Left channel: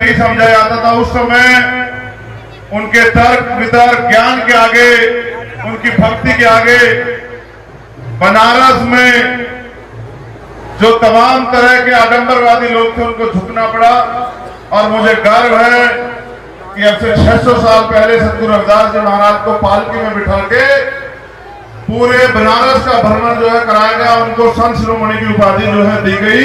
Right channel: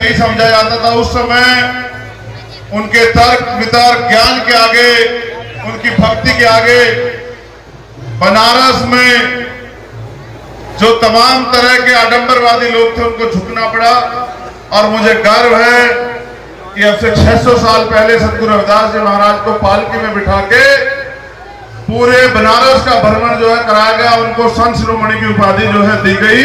नहीं समझा जाता था उस समय। उनके तर्क वितर्क ज्ञान के आगे, उनकी भक्ति के आगे बनारस में जो तमाम तरह के आडंबरवादी लोग थे उनको झुकना पड़ा। और मुझे गर्व है कि अब से 600 साल पहले सतगुरु रविदास जी महाराज को पालकी में बिठा के पूरे बनारस का भ्रमण जो है कराया गया। उनको संत शिरोमणि की उपाधि जो है दी गई।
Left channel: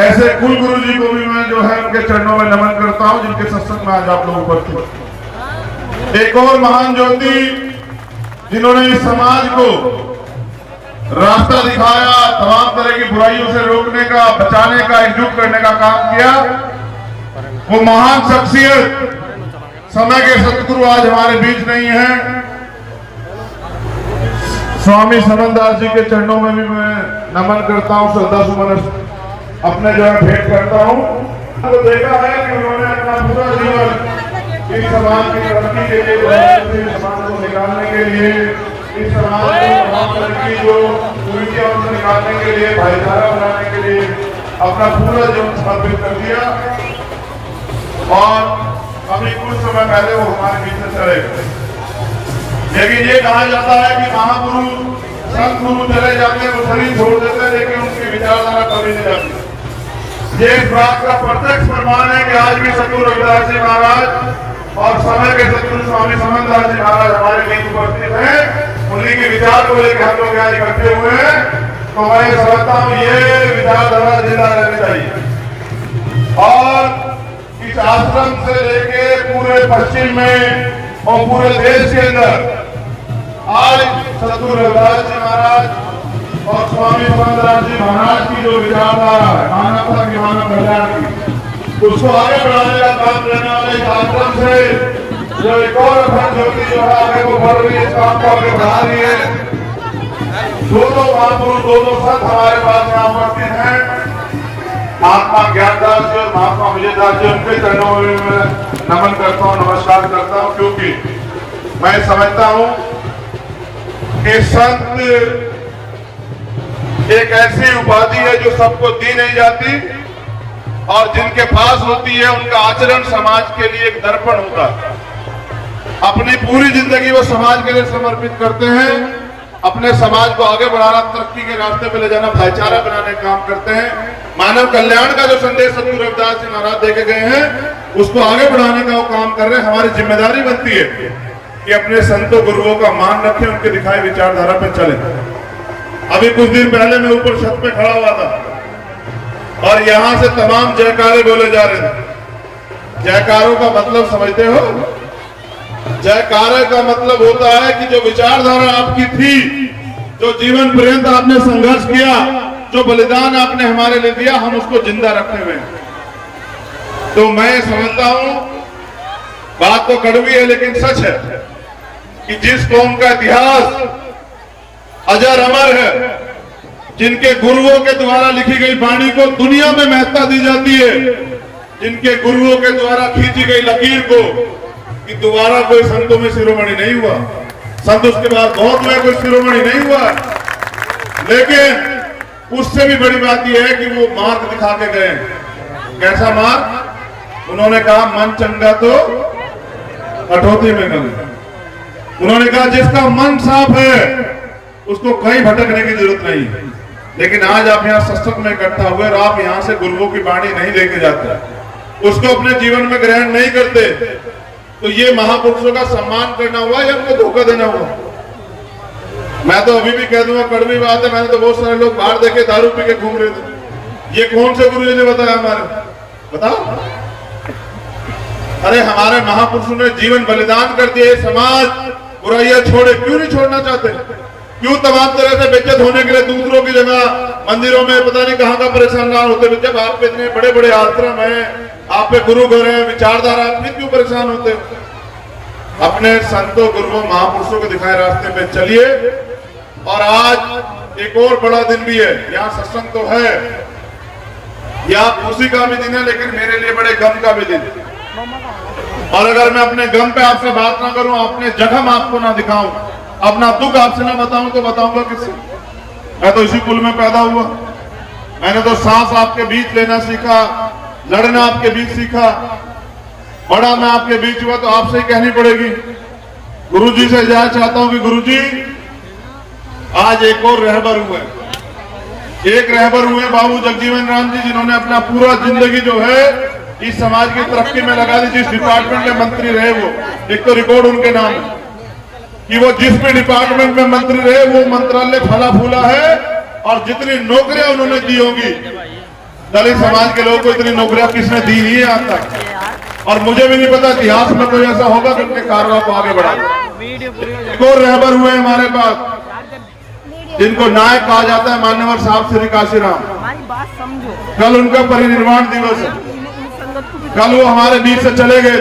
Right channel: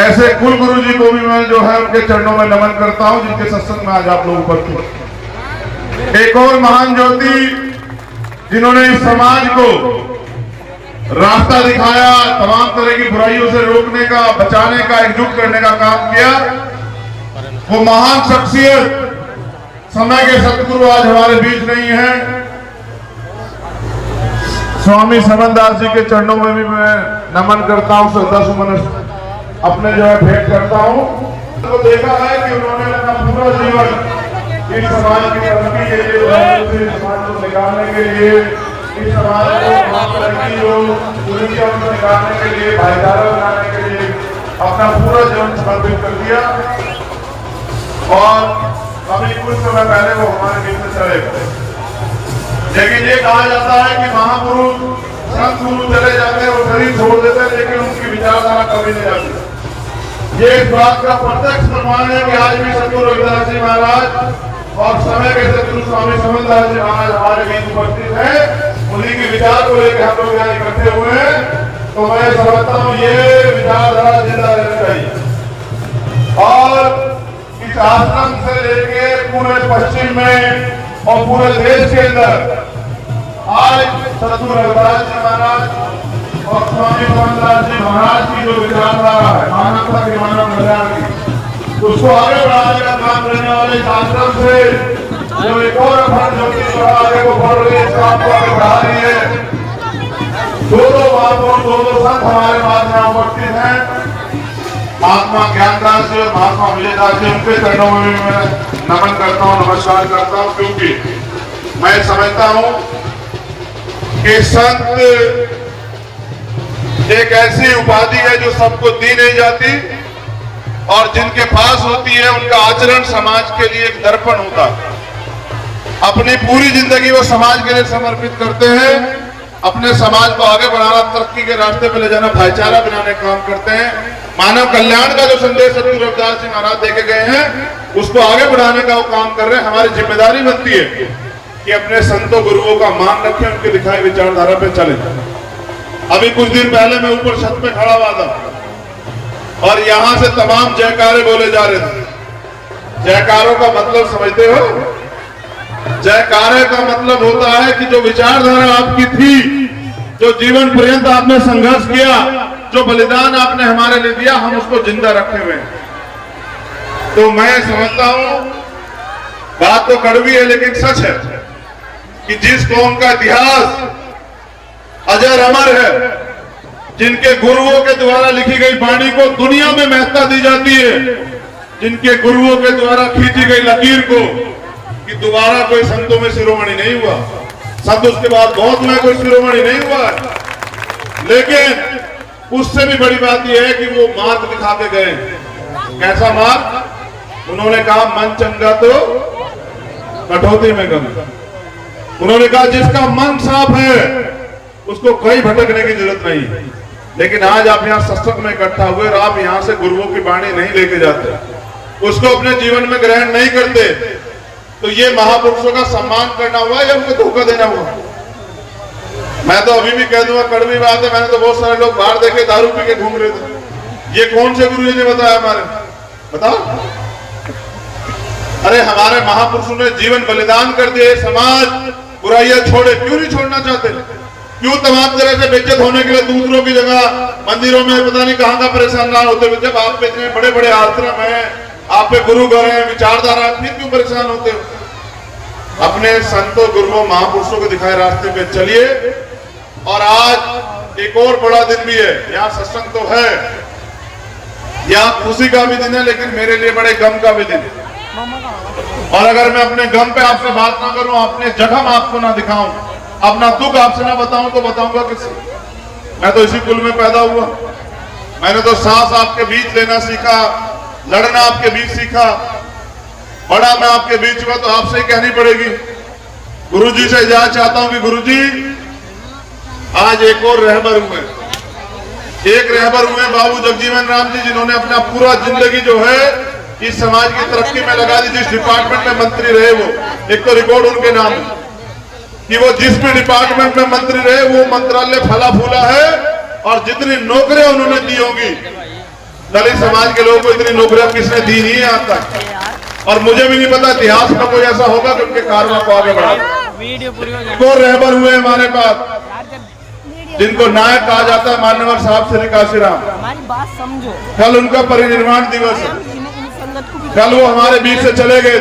ऐसे कुल गुरु जी को भी मैं जो है उनके चरणों में नमन करता हूं, जिनके सत्संग में आज आप लोग उपस्थित। एक और महान ज्योति जिन्होंने इस समाज को रास्ता दिखाया, तमाम तरह की बुराइयों से रोकने का, बचाने का, एकजुट करने का काम किया, वो महान शख्सियत समय के सतगुरु आज हमारे बीच नहीं है। स्वामी समनदास जी के चरणों में भी मैं नमन करता हूं, श्रद्धा सुमन अपने जो है भेंट करता हूं। तो देखा है कि उन्होंने अपना पूरा जीवन इस समाज की तरक्की के लिए, इस समाज को निकालने के लिए, इस समाज को की जो कुरीतियों से निकालने के लिए, भाईचारा बनाने के लिए अपना पूरा जीवन समर्पित कर दिया। और अभी कुछ समय पहले वो हमारे बीच में चले गए। लेकिन ये कहा जाता है कि महापुरुष संत गुरु चले जाते हैं, वो शरीर छोड़ देते हैं, लेकिन उनकी विचारधारा कभी नहीं जाती। ये इस बात का प्रत्यक्ष प्रमाण है कि आज भी सतगुरु रविदास जी महाराज और समय के सतगुरु स्वामी समनदास जी महाराज हमारे बीच उपस्थित हैं। उन्हीं के विचार को लेकर हम लोग यहाँ इकट्ठे हुए हैं। तो मैं समझता हूँ ये विचारधारा जिंदा रहनी चाहिए। और इस आश्रम से लेके पूरे पश्चिम में और पूरे देश के अंदर आज सतगुरु रविदास जी महाराज और स्वामी समनदास जी महाराज की जो विचारधारा है मानवता की, मानव कल्याण की, उसको आगे बढ़ाने का काम करने वाले इस आश्रम से जो एक और ज्योति जो है आगे को बढ़ रही है, इस काम को आगे बढ़ा रही है। दो महापुरुष, दो संत हमारे पास यहाँ उपस्थित हैं, महात्मा ज्ञानदास जी और महात्मा विजयदास जी। उनके चरणों में भी मैं नमन करता हूँ, नमस्कार करता हूँ, क्योंकि मैं समझता हूँ कि संत एक ऐसी उपाधि है जो सबको दी नहीं जाती, और जिनके पास होती है उनका आचरण समाज के लिए एक दर्पण होता है। अपनी पूरी जिंदगी वो समाज के लिए समर्पित करते हैं, अपने समाज को आगे बढ़ाना, तरक्की के रास्ते पे ले जाना, भाईचारा बनाने का काम करते हैं। मानव कल्याण का जो संदेश सतगुरु रविदास जी महाराज देके गए हैं उसको आगे बढ़ाने का वो काम कर रहे हैं। हमारी जिम्मेदारी बनती है कि अपने संतों गुरुओं का मान रखें, उनके दिखाई विचारधारा पे चले। अभी कुछ दिन पहले मैं ऊपर छत पे खड़ा हुआ था और यहां से तमाम जयकारे बोले जा रहे थे। जयकारों का मतलब समझते हो? जयकारे का मतलब होता है कि जो विचारधारा आपकी थी, जो जीवन पर्यंत आपने संघर्ष किया, जो बलिदान आपने हमारे लिए दिया, हम उसको जिंदा रखे हुए हैं। तो मैं समझता हूं, बात तो कड़वी है लेकिन सच है कि जिस कौम का इतिहास अजर अमर है, जिनके गुरुओं के द्वारा लिखी गई वाणी को दुनिया में महत्ता दी जाती है, जिनके गुरुओं के द्वारा खींची गई लकीर को, कि दोबारा कोई संतों में शिरोमणि नहीं हुआ। संत उसके बाद बहुत हुए, कोई शिरोमणि नहीं हुआ। लेकिन उससे भी बड़ी बात यह है कि वो मार्ग दिखा के गए। कैसा मार्ग? उन्होंने कहा मन चंगा तो कटौती में कमी। उन्होंने कहा जिसका मन साफ है उसको कहीं भटकने की जरूरत नहीं। लेकिन आज आप यहाँ सत्संग में इकट्ठा हुए और आप यहाँ से गुरुओं की वाणी नहीं लेके जाते, उसको अपने जीवन में ग्रहण नहीं करते, तो ये महापुरुषों का सम्मान करना हुआ या उनको धोखा देना हुआ? मैं तो अभी भी कह दूंगा, कड़वी बात है, मैंने तो बहुत सारे लोग बाहर देखे दारू पी के घूम रहे थे। ये कौन से गुरु ने बताया? हमारे बताओ। अरे हमारे महापुरुषों ने जीवन बलिदान कर दिए, समाज बुराइयां छोड़े। क्यों नहीं छोड़ना चाहते? क्यों तमाम तरह से बेइज्जत होने के लिए दूसरों की जगह मंदिरों में पता नहीं कहां का परेशान ना होते हुए, जब आप पे इतने बड़े बड़े आश्रम हैं, आप पे गुरु घर है, विचारधारा, फिर क्यों परेशान होते हो? अपने संतों गुरुओं महापुरुषों के दिखाए रास्ते पे चलिए। और आज एक और बड़ा दिन भी है, यहाँ सत्संग तो है, यहाँ खुशी का भी दिन है, लेकिन मेरे लिए बड़े गम का भी दिन है। और अगर मैं अपने गम पे आपसे बात ना करूं, अपने जख्म आपको ना दिखाऊं, अपना दुख आपसे ना बताऊं, तो बताऊंगा किससे? मैं तो इसी कुल में पैदा हुआ, मैंने तो सांस आपके बीच लेना सीखा, लड़ना आपके बीच सीखा, बड़ा मैं आपके बीच हुआ, तो आपसे ही कहनी पड़ेगी। गुरुजी से इजाजत चाहता हूं कि गुरुजी आज एक और रहबर हुए, एक रहबर हुए बाबू जगजीवन राम जी, जिन्होंने अपना पूरा जिंदगी जो है इस समाज की तरक्की में लगा दी। जिस डिपार्टमेंट में मंत्री रहे वो, एक तो रिकॉर्ड उनके नाम है कि वो जिस भी डिपार्टमेंट में मंत्री रहे वो मंत्रालय फला फूला है, और जितनी नौकरियां उन्होंने दी होंगी दलित समाज के लोगों को इतनी नौकरियां किसने दी नहीं है आज तक। और मुझे भी नहीं पता इतिहास में कोई ऐसा होगा कि उनके कार्य को आगे बढ़ा। तो रहबर हुए हमारे पास जिनको नायक कहा जाता है, मान्यवर साहब श्री काशीराम। हमारी बात समझो। कल उनका परिनिर्वाण दिवस है, कल वो हमारे बीच से चले गए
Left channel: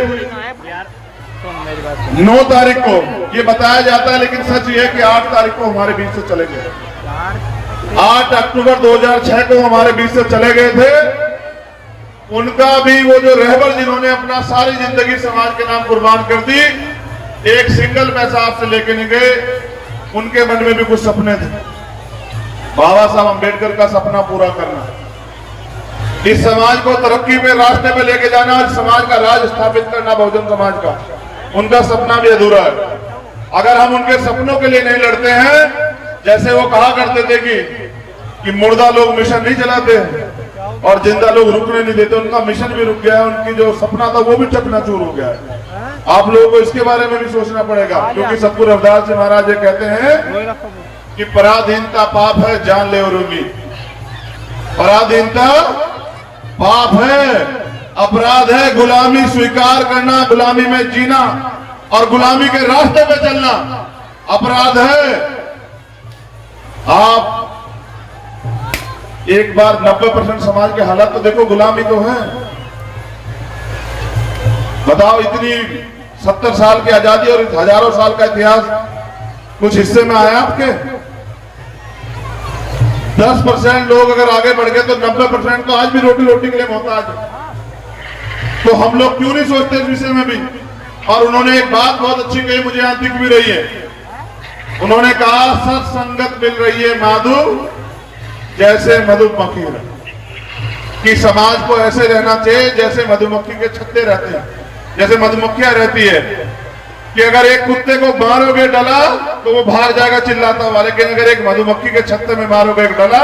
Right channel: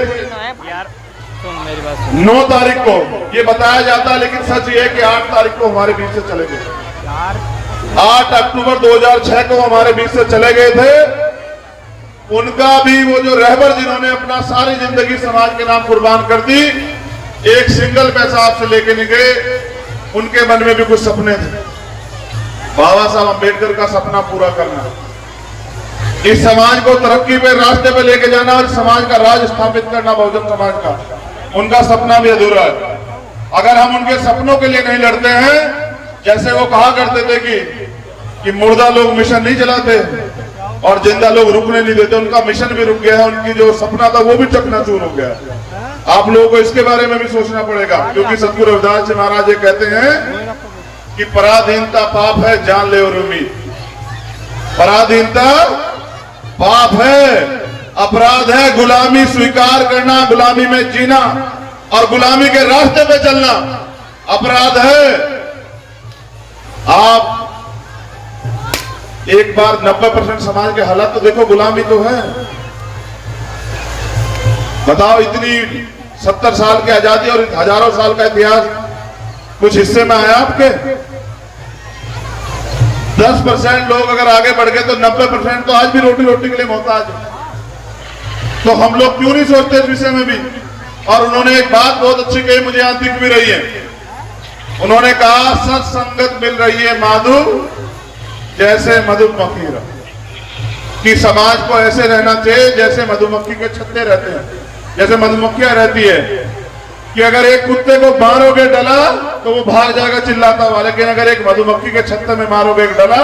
9 तारीख को, ये बताया जाता है, लेकिन सच ये है कि 8 तारीख को हमारे बीच से चले गए। 8 अक्टूबर 2006 को हमारे बीच से चले गए थे। उनका भी वो जो रहबर जिन्होंने अपना सारी जिंदगी समाज के नाम कुर्बान कर दी, एक सिंगल पैसा आपसे लेके नहीं गए। उनके मन में भी कुछ सपने थे, बाबा साहब अम्बेडकर का सपना पूरा करना, इस समाज को तरक्की पे रास्ते पे लेके जाना और समाज का राज स्थापित करना, बहुजन समाज का, उनका सपना भी अधूरा है। अगर हम उनके सपनों के लिए नहीं लड़ते हैं, जैसे वो कहा करते थे कि मुर्दा लोग मिशन नहीं चलाते और जिंदा लोग रुकने नहीं देते, उनका मिशन भी रुक गया है, उनकी जो सपना था वो भी चकनाचूर हो गया है। आप लोगों को इसके बारे में भी सोचना पड़ेगा, क्योंकि सतगुरु रविदास जी महाराज ये कहते हैं कि पराधीनता पाप है, जान ले और उम्मीद। पराधीनता पाप है, अपराध है गुलामी स्वीकार करना, गुलामी में जीना और गुलामी के रास्ते पे चलना अपराध है। आप एक बार 90% समाज के हालात तो देखो, गुलामी तो है। बताओ, इतनी 70 साल की आजादी और हजारों साल का इतिहास कुछ हिस्से में आया आपके? 10% लोग अगर आगे बढ़ गए तो 90% तो आज भी रोटी रोटी के लिए मोहताज है। तो हम लोग क्यों नहीं सोचते इस विषय में भी? और उन्होंने एक बात बहुत अच्छी कही, मुझे यहां दिख भी रही है। उन्होंने कहा सत्संगत मिल रही है माधु जैसे मधुमक्खी, कि समाज को ऐसे रहना चाहिए जैसे मधुमक्खी के छत्ते रहते हैं, जैसे मधुमक्खियां रहती है कि अगर एक कुत्ते को मारोगे डला तो वो भाग जाएगा चिल्लाता हुआ, लेकिन अगर एक मधुमक्खी के छत्ते में मारोगे डला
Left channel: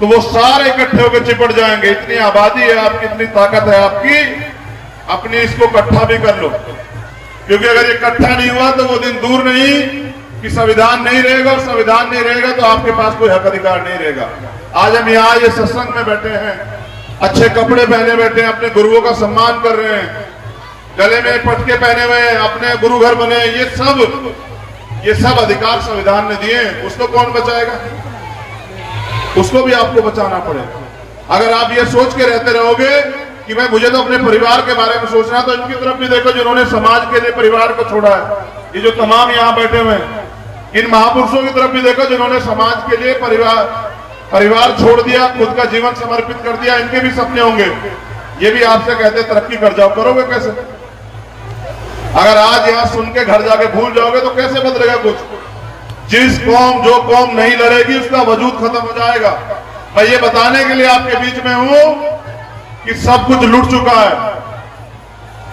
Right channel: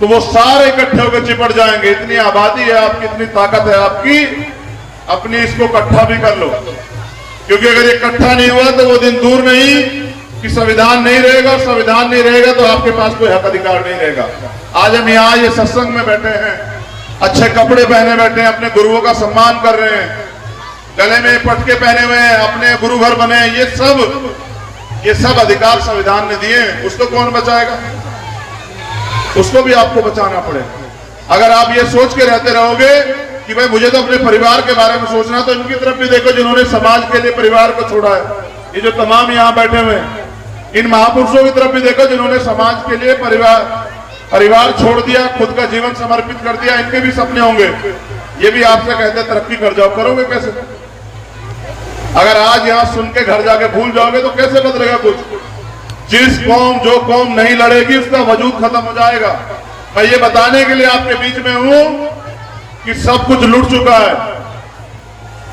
तो वो सारे इकट्ठे होकर चिपट जाएंगे। इतनी आबादी है आपकी, इतनी ताकत है आपकी, अपनी इसको इकट्ठा भी कर लो, क्योंकि अगर ये इकट्ठा नहीं हुआ तो वो दिन दूर नहीं कि संविधान नहीं रहेगा, और संविधान नहीं रहेगा तो आपके पास कोई हक अधिकार नहीं रहेगा। आज हम यहाँ ये सत्संग में बैठे हैं, अच्छे कपड़े पहने बैठे हैं, अपने गुरुओं का सम्मान कर रहे हैं, गले में पटके पहने हुए हैं, अपने गुरु घर बने, ये सब अधिकार संविधान ने दिए हैं। उसको कौन बचाएगा? उसको भी आपको बचाना पड़ेगा। अगर आप ये सोच के रहते रहोगे कि भाई मुझे तो अपने परिवार के बारे में सोचना, तो इनकी तरफ भी देखो जिन्होंने समाज के लिए परिवार को छोड़ा है। ये जो तमाम यहाँ बैठे हुए इन महापुरुषों की तरफ भी देखो जिन्होंने समाज के लिए परिवार छोड़ दिया, खुद का जीवन समर्पित कर दिया। इनके भी सपने होंगे। ये भी आपसे कहते तरक्की कर जाओ, करोगे कैसे? अगर आज यहाँ सुन के घर जाके भूल जाओगे तो कैसे बदलेगा कुछ? जिस कौम जो कौम नहीं लड़ेगी उसका वजूद खत्म हो जाएगा। मैं ये बताने के लिए आपके बीच में हूं कि सब कुछ लुट चुका है,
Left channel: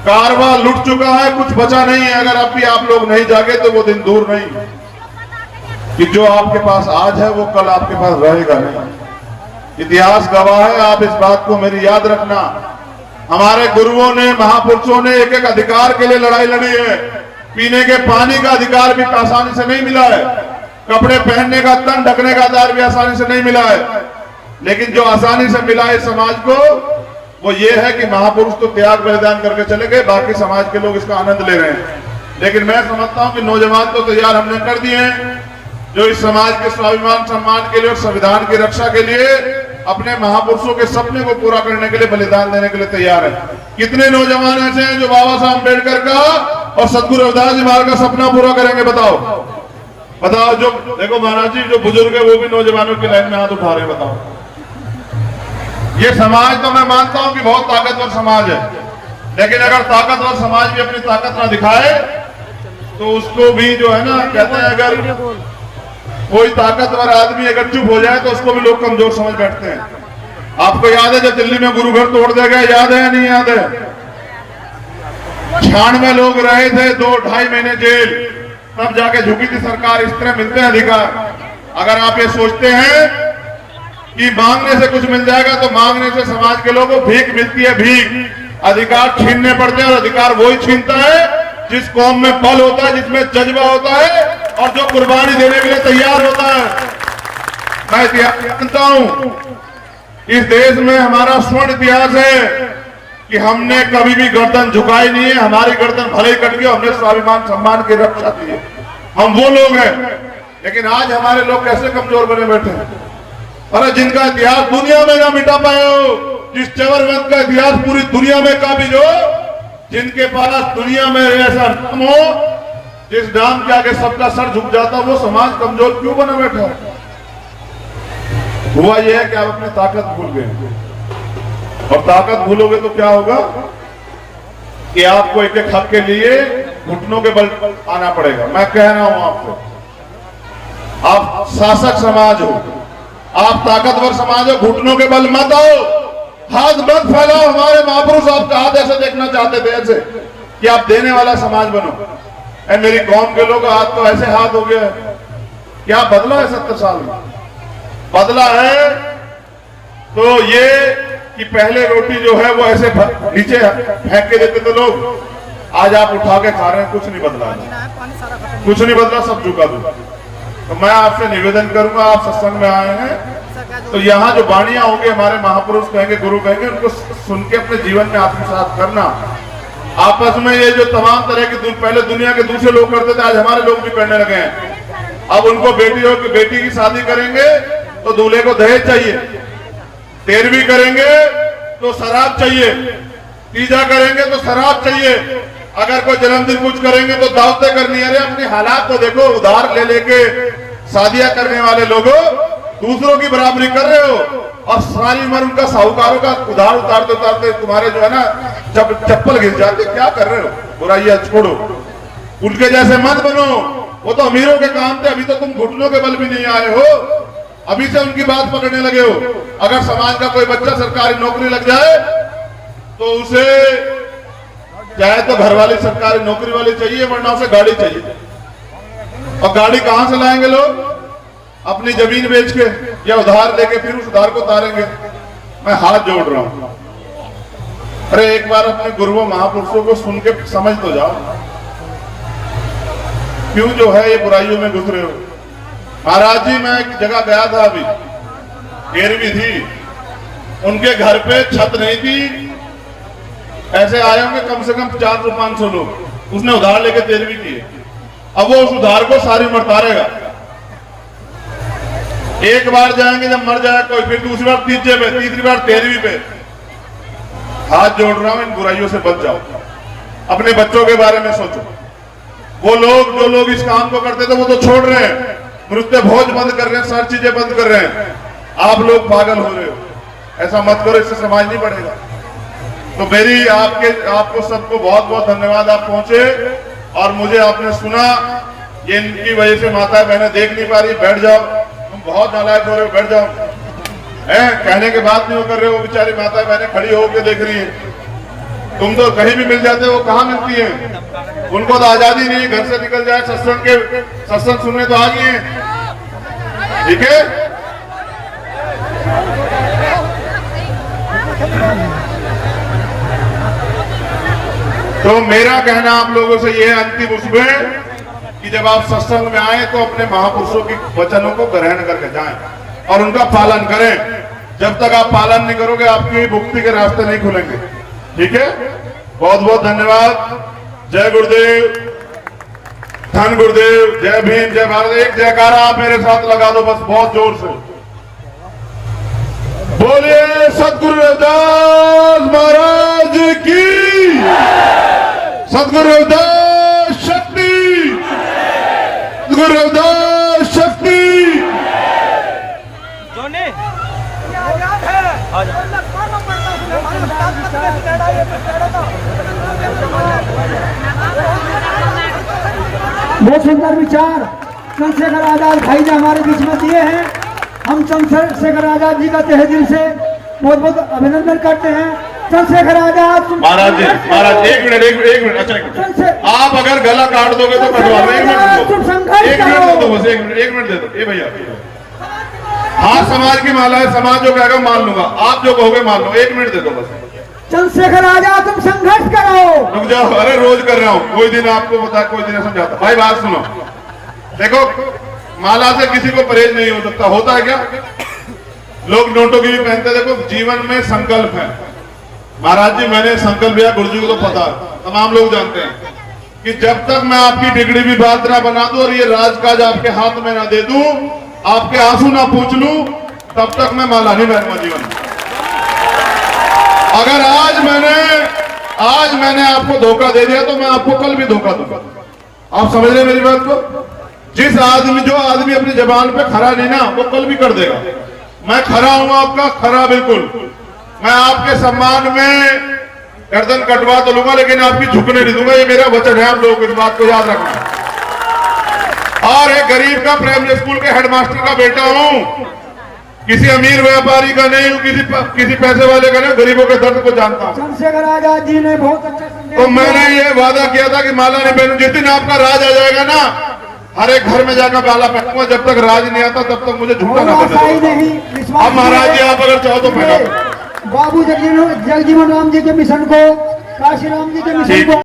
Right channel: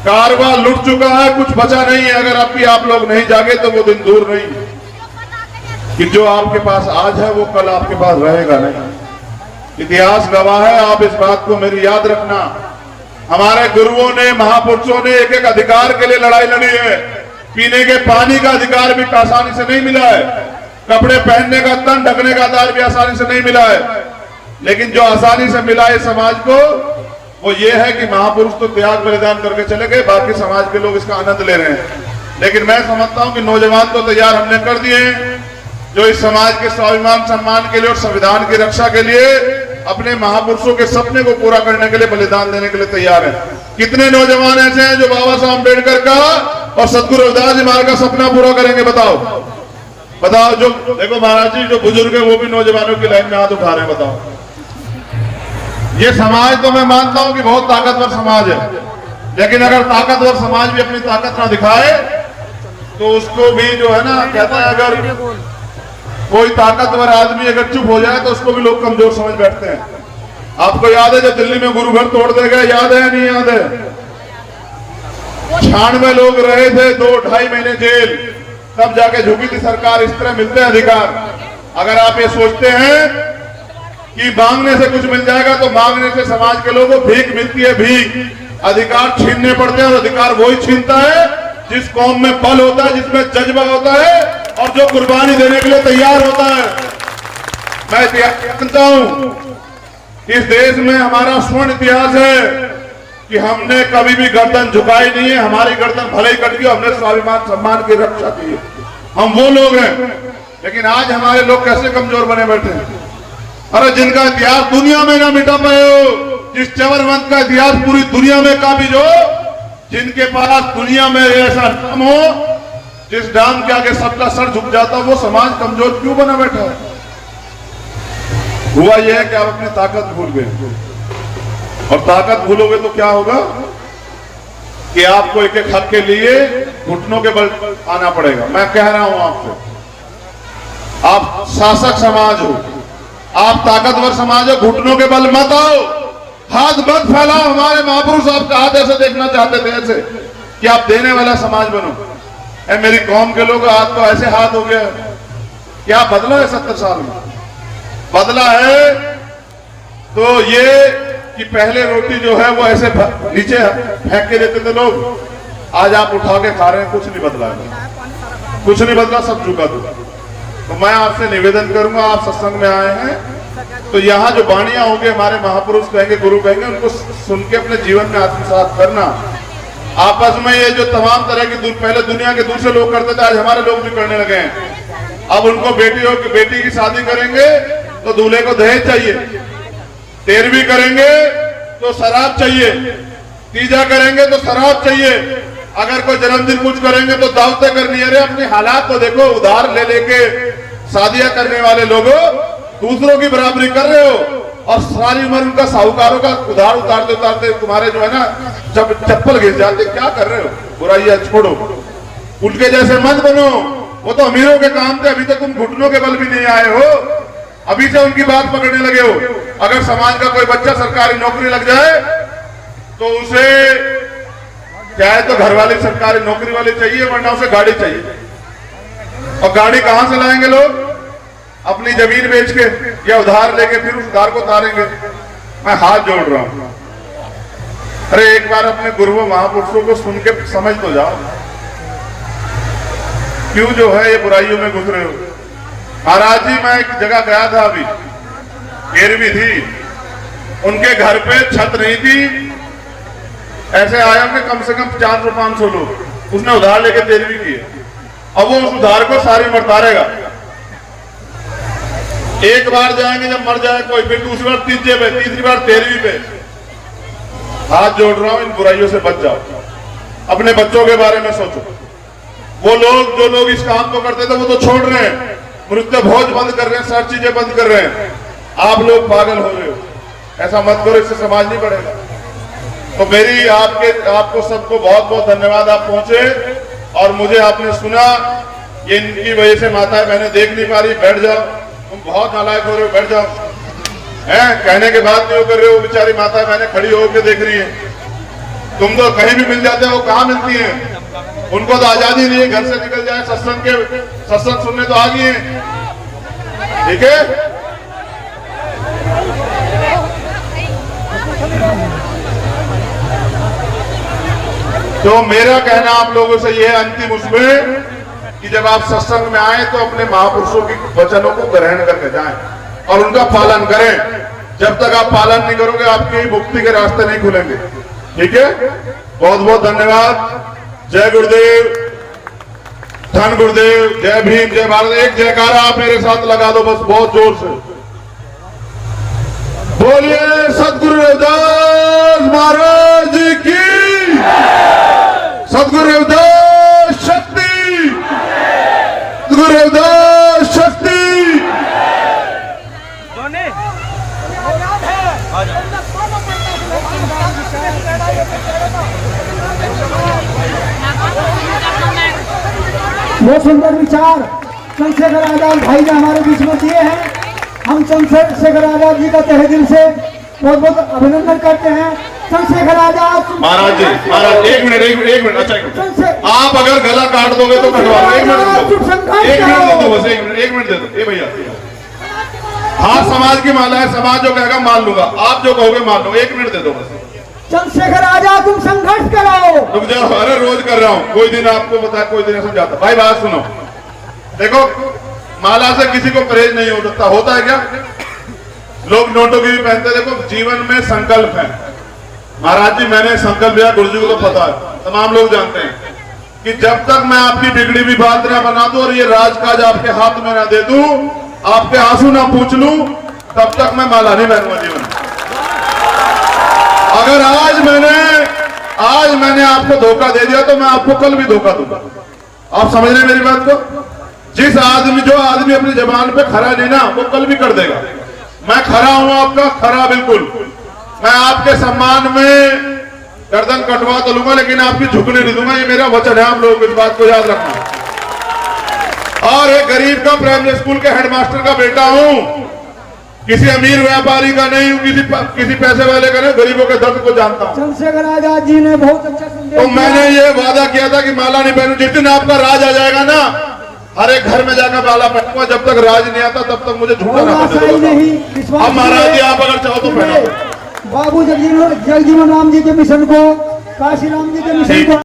कारवा लुट चुका है, कुछ बचा नहीं है। अगर अब भी आप लोग नहीं जागे तो वो दिन दूर नहीं कि जो आपके पास आज है वो कल आपके पास रहेगा नहीं। इतिहास गवाह है, आप इस बात को मेरी याद रखना। हमारे गुरुओं ने, महापुरुषों ने एक एक अधिकार के लिए लड़ाई लड़ी है। पीने के पानी का अधिकार भी आसानी से नहीं मिला है, कपड़े पहनने का, तन ढकने का अधिकार भी आसानी से नहीं मिला है। लेकिन जो आसानी से मिला है समाज को वो ये है कि महापुरुष तो त्याग बलिदान करके चले गए, बाकी समाज के लोग इसका आनंद ले रहे हैं। लेकिन मैं समझता हूं कि नौजवान को तैयार हमने कर दिए हैं, जो इस समाज के स्वाभिमान सम्मान के लिए और संविधान की रक्षा के लिए अपने महापुरुषों के सपने को पूरा करने के लिए बलिदान देने के लिए तैयार है। कितने नौजवान ऐसे हैं जो बाबा साहब अम्बेडकर का और सतगुरु रविदास जी महाराज का सपना पूरा करेंगे? बताओ। जो देखो महाराज जी, जो बुजुर्ग है वो भी नौजवानों की लाइन में हाथ उठा रहे हैं। बताओ, ये समाज तो मैं मानता हूं कि बहुत ताकतवर समाज है, लेकिन अगर ताकतवर समाज भी अपनी ताकत ना दिखाए तो उसको भी जो है ना, कहते हैं अगर कोई ताकतवर आदमी अगर चुप हो जाए तो उसको भी लोग कमजोर समझ बैठते हैं। आपको याद है जब दिल्ली में गुरु घर तोड़ दे गए, याद है या नहीं याद है? 96 लोग रहे थे, 2-2.5 महीने जेल, तब जाके झुकी थी सरकार। इस तरह मिलते हैं अधिकार। अगर आप ये सोचते हैं कि मांगने से कुछ मिल जाएगा, तो मांगने से समाज के लोगों को भीख मिलती है, भीख। अधिकार छीनने पड़ते हैं, और अधिकार वही छीनता है जिस कौम में बल होता है, जिसमें जज्बा होता है, और जो कुर्बानी देने के लिए तैयार होता है। मैं इतिहास जानता हूं, इस देश में हमारा स्वर्ण इतिहास है कि हमने कभी भी गर्दन झुकाई नहीं है। हमारी गर्दन भले ही कट गई, हमने स्वाभिमान सम्मान की रक्षा की है। हम वो लोग हैं। लेकिन आज हमारे लोग कैसे कमजोर बने बैठे हैं। अरे जिनका इतिहास दुनिया में ना मिटा पाए हो, जिस चवरवंत का इतिहास पूरी दुनिया में काबिज हो, जिनके पास दुनिया में ऐसा नाम हो, जिस नाम के आगे सबका सर झुक जाता, वो समाज कमजोर क्यों बना बैठा है? हुआ यह है कि आप अपनी ताकत भूल गए, और ताकत भूलोगे तो क्या होगा कि आपको एक एक हक के लिए घुटनों के बल आना पड़ेगा। मैं कह रहा हूं आपको, आप शासक समाज हो, आप ताकतवर समाज हो, घुटनों के बल मत आओ, हाथ मत फैलाओ। हमारे महापुरुष आपका हाथ ऐसे देखना चाहते थे, ऐसे कि आप देने वाला समाज बनो। मेरी कौम के लोग हाथ तो ऐसे हाथ हो गया। क्या बदला है 70 साल में? बदला है तो ये कि पहले रोटी जो है वो ऐसे नीचे फेंक के देते थे लोग, आज आप उठा के खा रहे हैं। कुछ नहीं बदला, कुछ नहीं बदला, सब झुका दो। तो मैं आपसे निवेदन करूंगा, आप सत्संग में आए हैं तो यहाँ जो वाणियां होंगे, हमारे महापुरुष कहेंगे, गुरु कहेंगे, उनको सुन के अपने जीवन में आत्मसात करना। आपस में ये जो तमाम तरह की पहले दुनिया के दूसरे लोग करते थे, आज हमारे लोग भी करने लगे हैं। अब उनको बेटी की शादी करेंगे तो दूल्हे को दहेज चाहिए, 13वीं करेंगे तो शराब चाहिए, तीजा करेंगे तो शराब चाहिए, अगर कोई जन्मदिन कुछ करेंगे तो दावतें करनी है। अरे अपने हालात तो देखो, उधार ले लेके शादियां करने वाले लोगों दूसरों की बराबरी कर रहे हो, और सारी उम्र उनका साहूकारों का उधार उतारते उतारते तुम्हारे जो है ना जब चप्पल घिस जाते। क्या कर रहे हो? बुराइयां छोड़ो, उनके जैसे मत बनो। वो तो अमीरों के काम थे, अभी तक तुम घुटनों के बल भी नहीं आए हो, अभी से उनकी बात पकड़ने लगे हो। अगर समाज का कोई बच्चा सरकारी नौकरी लग जाए तो उसे चाहे तो घर वाली सरकारी नौकरी वाली चाहिए, वरना उसे गाड़ी चाहिए। और गाड़ी कहां से लाएंगे लोग? अपनी जमीन बेच के या उधार लेके फिर उस उधार को उतारेंगे। मैं हाथ जोड़ रहा हूं, अरे एक बार अपने गुरुओं महापुरुषों को सुन के समझ तो जाओ, क्यों जो है ये बुराइयों में घुस रहे हो। महाराज जी, मैं एक जगह गया था, अभी 13वीं थी, उनके घर पे छत नहीं थी, ऐसे आए होंगे कम से कम 400-500 लोग। उसने उधार लेके 13वीं की है। अब वो उस उधार को सारी उम्र उतारेगा। एक बार जाएंगे, जब मर जाए कोई, फिर दूसरी बार तीसरे पे, तीसरी बार 13वीं पे। हाथ जोड़ रहा हूं, इन बुराइयों से बच जाओ, अपने बच्चों के बारे में सोचो। वो लोग जो लोग इस काम को करते थे वो तो छोड़ रहे हैं, मृत्यु भोज बंद कर रहे हैं, सारी चीजें बंद कर रहे हैं। आप लोग पागल हो रहे हो, ऐसा मत करो, इससे समाज नहीं बढ़ेगा। तो मेरी आपको सबको बहुत बहुत धन्यवाद। आप पहुंचे और मुझे आपने सुना। ये इनकी वजह से माताएं बहनें देख नहीं पा रही। बैठ जाओ, तुम बहुत नालायक हो रहे हो, बैठ जाओ। कहने के बाद क्यों कर रहे हो? बेचारी माताएं बहनें खड़ी होकर देख रही है। तुम तो कहीं भी मिल जाते हो, कहाँ मिलती है? उनको तो आजादी नहीं है, घर से निकल जाए, सत्संग सुनने तो आ गई है। ठीक है, तो मेरा कहना आप लोगों से यह है अंतिम उसमें कि जब आप सत्संग में आए तो अपने महापुरुषों के वचनों को ग्रहण करके जाएं और उनका पालन करें। जब तक आप पालन नहीं करोगे, आपकी मुक्ति के रास्ते नहीं खुलेंगे। ठीक है, बहुत बहुत धन्यवाद। जय गुरुदेव, धन गुरुदेव, जय भीम, जय भारत। एक जयकारा आप मेरे साथ लगा दो बस, बहुत जोर से बोलिए सतगुरु रविदास महाराज की, सतगुरु रविदास शक्ति, सतगुरु रविदास शक्ति। बहुत सुंदर विचार चंद्रशेखर आजाद भाई ने हमारे बीच में दिए हैं। हम चंद्रशेखर आजाद जी का तहे दिल से बहुत बहुत अभिनंदन करते हैं। चंद्रशेखर आजाद महाराज जी, महाराज एक मिनट अच्छा एक मिनट। आप अगर गला काट दोगे तो कटवा लो। एक मिनट दे दो बस, एक मिनट दे दो। ये भैया हाँ, समाज की माला है, समाज जो कहेगा मान लूंगा, आप जो कहोगे मान लो। एक मिनट दे दो बस। चंद्रशेखर आजाद तुम संघर्ष करो। रुक जाओ, अरे रोज कर रहा हूँ, कोई दिन आपको बता, कोई दिन समझाता। भाई बात सुनो, देखो माला से किसी को परहेज नहीं हो सकता। होता है क्या, लोग नोटों की भी पहनते। देखो जीवन में संकल्प है। महाराज जी मैंने संकल्प लिया, गुरु जी को तो पता है, तमाम लोग जानते हैं कि जब तक मैं आपकी बिगड़ी भी बात ना बना दूं और ये राजकाज आपके हाथ में ना दे दूं, आपके आंसू ना पूछ लूं, तब तक मैं माला नहीं पहनूंगा जीवन में। अगर आज मैंने आपको धोखा दे दिया तो मैं आपको कल भी धोखा दूंगा। आप समझ रहे मेरी बात को? जो आदमी अपनी जबान पे खरा नहीं ना, वो कल भी कर देगा। मैं खरा हूं आपका, खरा बिल्कुल। मैं आपके सम्मान में गर्दन कटवा तो लूंगा, लेकिन आपकी झुकने नहीं दूंगा। ये मेरा वचन है, आप लोगों को इस बात को याद रखना। और एक गरीब का प्राइमरी स्कूल के हेडमास्टर का बेटा हूं, किसी अमीर व्यापारी का नहीं हूं, किसी पैसे वाले का नहीं, गरीबों के दर्द को जानता हूं। चंद्रशेखर आजाद जी ने बहुत अच्छा संदेश तो मैंने ये वादा किया था कि माला नहीं पहनूं। जिस दिन आपका राज आ जाएगा ना, हर एक घर में जाकर माला पहनूंगा। जब तक राज नहीं आता तब तक मुझे झूठा ना नहीं। अब महाराज जी आप अगर चाहो तो पहना। बाबू जगजीवन राम जी के मिशन को, काशी राम जी के मिशन को